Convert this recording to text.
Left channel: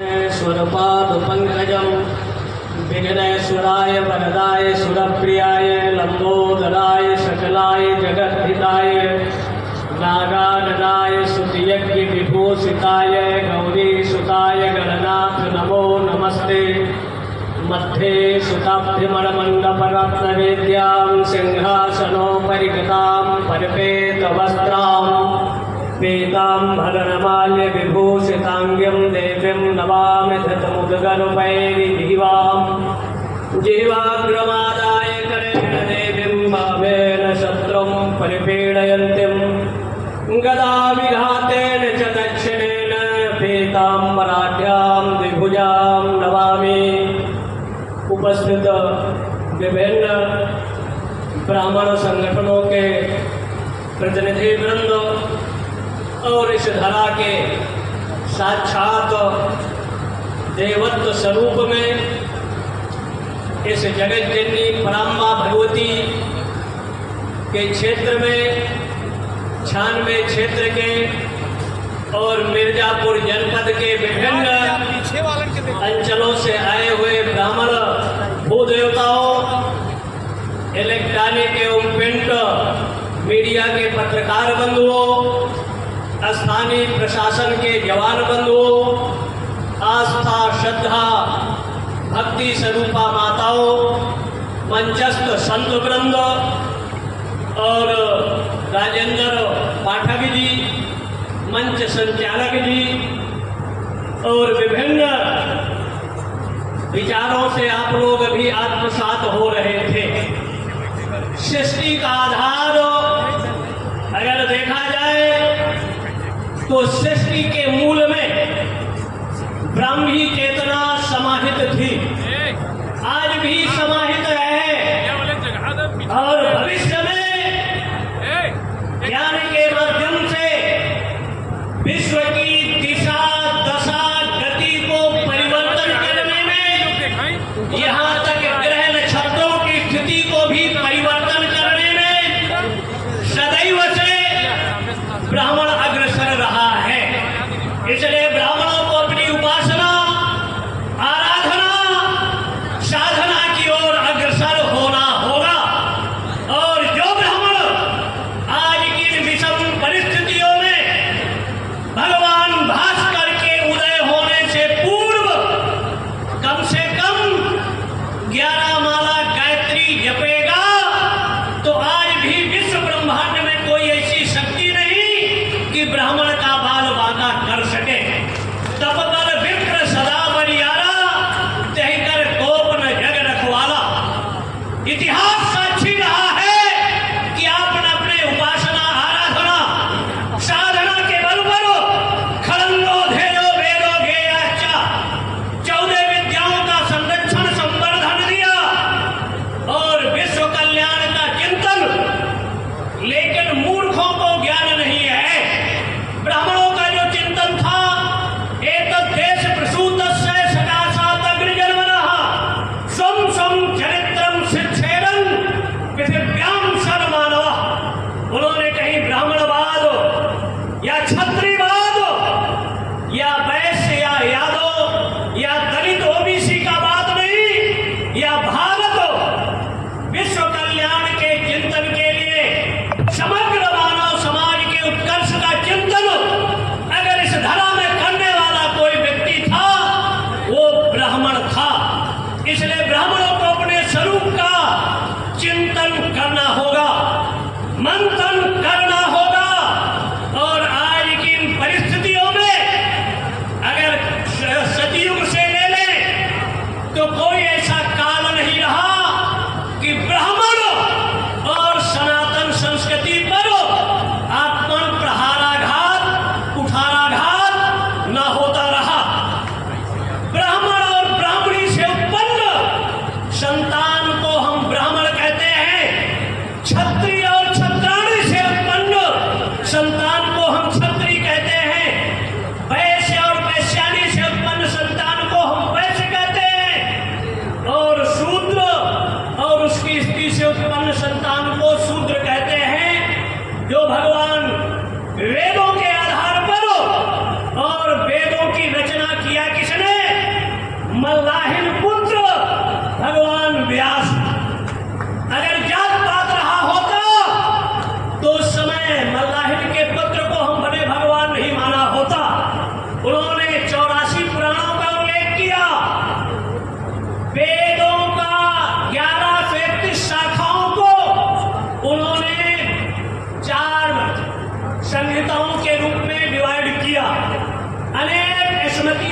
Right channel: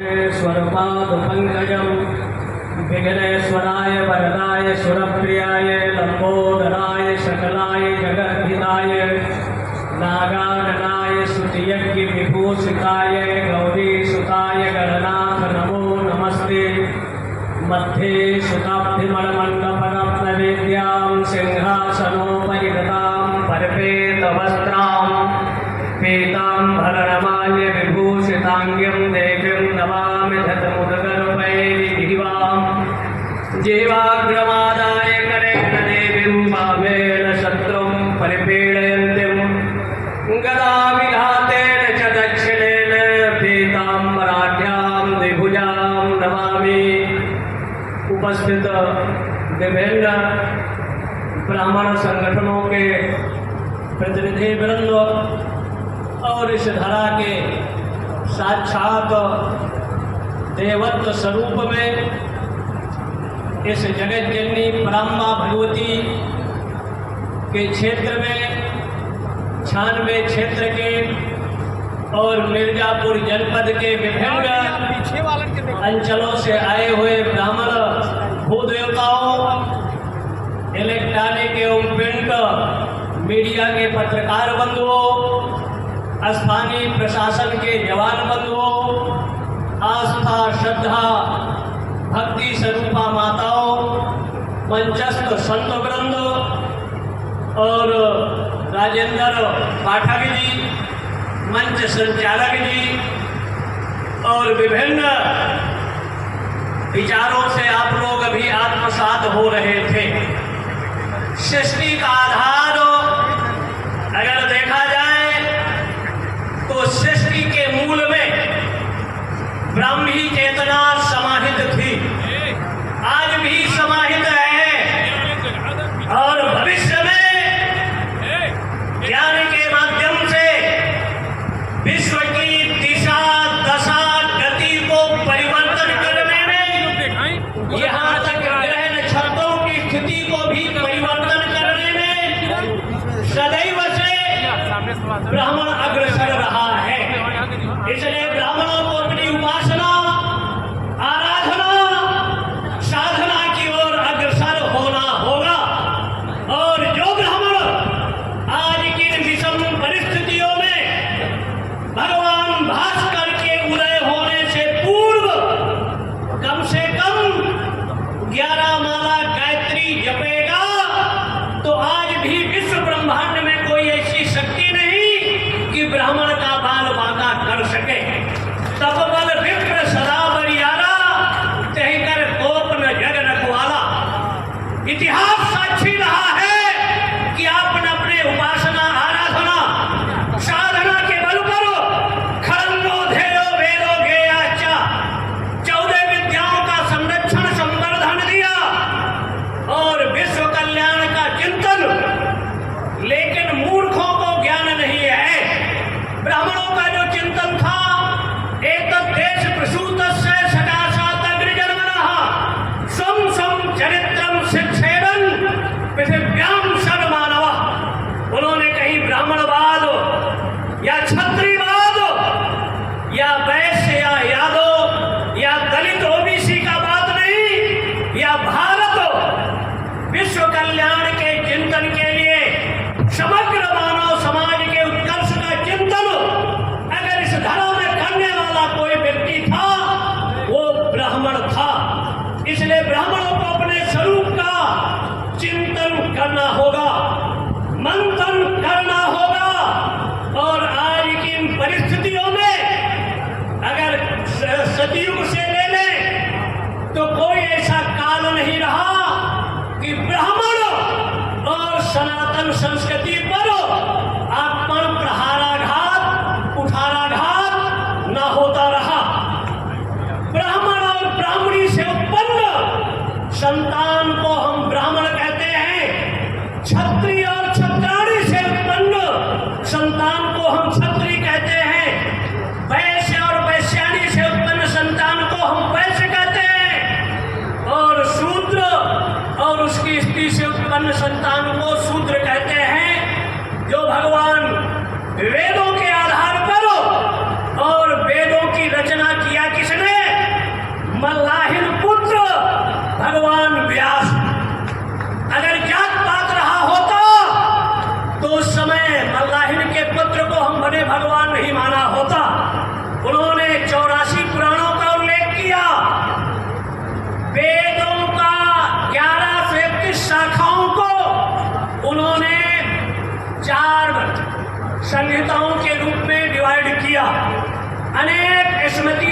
स्वरपादपङ्कजं विघ्नेश्वराय वरदाय सुरप्रियाय लम्बोदराय सकलाय जगद्धिताय नागाननाय स्तुतियज्ञविभूषिताय गौरीसुताय गणनाथ नमो नमस्ते। मध्ये सुताब्धिमणमण्डपरत्नवेद्यां सिंहासनोपरिकृतां परिपेतवस्त्रां पीताम्बरमाल्यविभूषिताङ्ग्यं देवीं नमामि धतमुदगर्भैर्विवां जीवाग्रमादाय करेण देवीं भावेन शत्रुं परिपीडयन्तीं गदाविघातेन च दक्षिणेन पीताम्बराढ्यां द्विभुजां नमामि। उपस्थित विभिन्न ब्राह्मण संगठनों के प्रतिनिधि वृंद और इस धरा के साक्षात देवत्व स्वरूप में इस जगत जननी पराम्मा भगवती के क्षेत्र में 96 क्षेत्र के और मिर्जापुर जनपद के विभिन्न अंचलों से आए हुए ब्राह्मण भूदेवताओं, इलेक्ट्रॉनिक एवं प्रिंट मीडिया के पत्रकार बंधुओं, स्थानीय प्रशासन के जवान बंधुओं, आस्था श्रद्धा भक्ति स्वरूपा माताओं, मंचस्थ संत वृंद और राजेंद्र पाठक जी, मंच संचालक जी और विभिन्न विचारों से आप लोग भी आत्मसात हो रहे थे। सृष्टि का आधार अगर देखा जाए तो सृष्टि के मूल में ब्राह्मी चेतना समाहित थी, आज भी समाहित है और भविष्य में ज्ञान के माध्यम से विश्व की दिशा दशा गति को परिवर्तन करने में, यहाँ तक ग्रह नक्षत्रों की स्थिति को भी परिवर्तन करने में सदैव से ब्राह्मण अग्रसर रहा है। इसलिए ब्राह्मणों को अपनी उपासना आराधना साधना की ओर अग्रसर स्मृति